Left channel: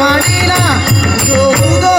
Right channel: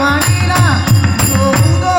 வாழைலா பூதோ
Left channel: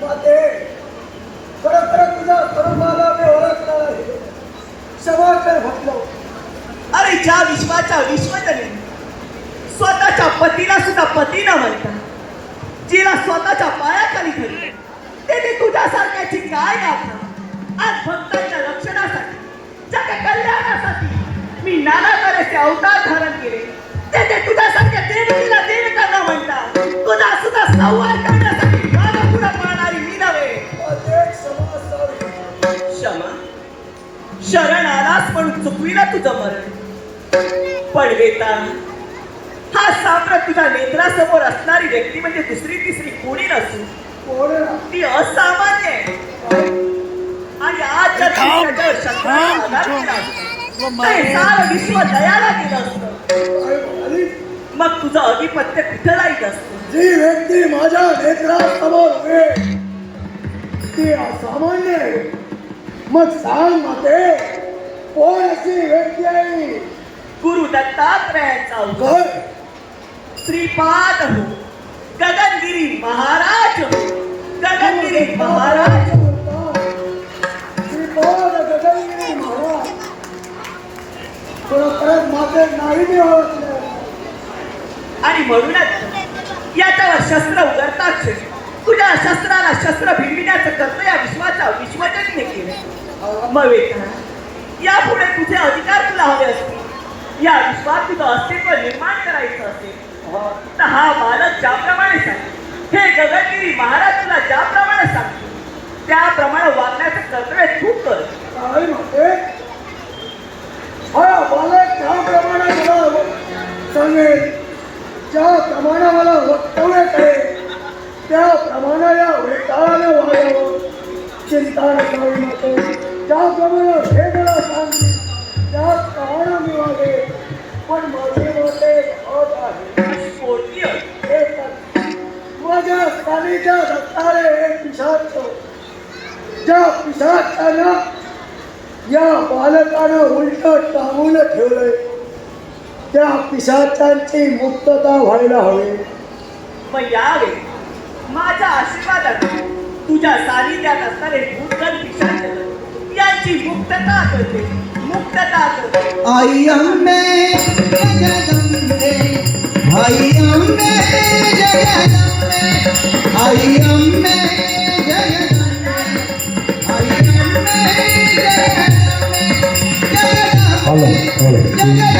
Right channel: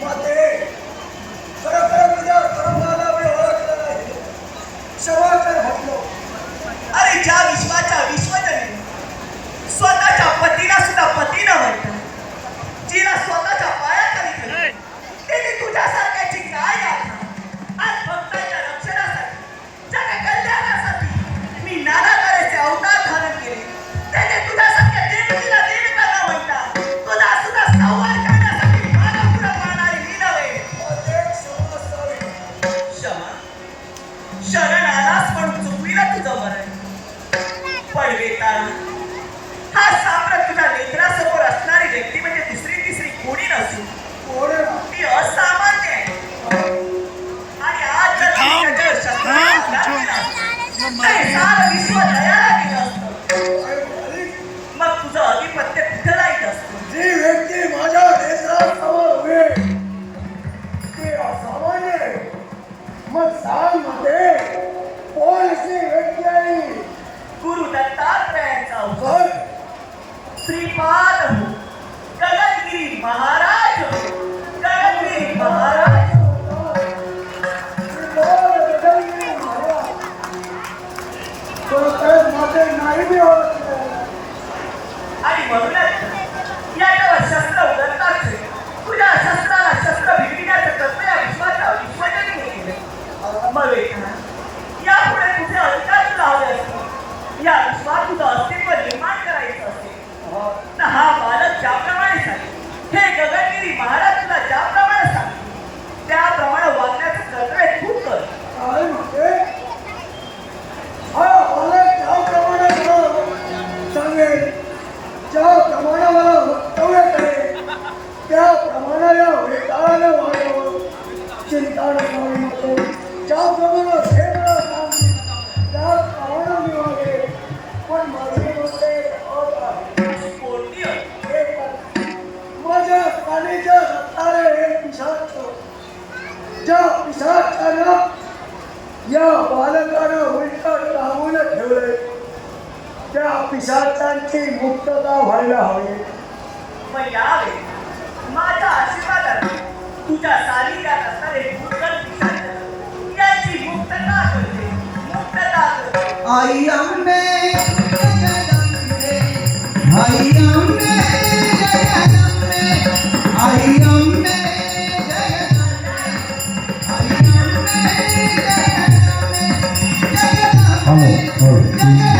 What there? ज्या विश्वाच्या विश्वजने. स्वतःच्या पतीला सुद्धा पती न म्हणतो जिला स्वतःच्या पायाखाली ठेवले. त्याने तुझ्यासारख्याची काय यात्रा आज भक्तांच्या रक्षणासाठी जग कल्याणासाठी मी नाना अवतार धारण केले त्याने तुझ्यासारख्या देवतेला देवता न म्हणतात तुझा सुद्धा संवाद करण्यासाठी पुढं मी नव्हे. क्षमा. शरण आलास पण चुकविला तुझं मरण. पडवेता. हा साम्राट तुझ्या नेत्रासमोर असणारी व्यक्ती म्हणजे दुसरी तिसरी कोणी नसून कोण? ती असामान्य आहे. आणि आज जर हे विश्व दयाला असतं? मग तुझं अधिपत्य कुठं राहील असतं जी व्यक्ती माझ्या नेत्रासमोर उभी ती असामान्य आहे. मग सांग माते कोण व्यक्ती आहे गुरु दत्तात्रयांचा अवतार. घर श्रीपाद हो गगनगिरी महाराज हो गगनगिरी महाराज. नाही आणि म्हणूनच याच्यावर शस्त्र उघडताच तुझ्या शस्त्राला शस्त्र भिडविण्याचं कर्तव्य या विश्वाच्या विश्वजनीने केलं मग या यापुढे तुझे अधिकार तुला हवे असतील. या विश्वात तुझं अस्तित्व निर्माण करायचं असेल तर हा बालक ज्याप्रमाणे सांग हे गगनगिरी महाराज तुला ज्याप्रमाणे सांग त्याप्रमाणे वागण्याचं कर्तव्य खूप कर सांगेल ज्याप्रमाणे मला वक्तव्य करेल त्याप्रमाणे या वागावं चिंता न करू नको ज्याप्रमाणे ज्या पिशाचानं या बालकानं उलट टांगून ठेवलंय. त्या पिशाचांची मुक्तता व्हायला हवी. मग यावेळी माझ्या आशीर्वादाने तुझ्या सानिध्यात असणारे भूतगण पिशाच. यांची मुक्तता करते. मुक्तता करते. आई 嗯。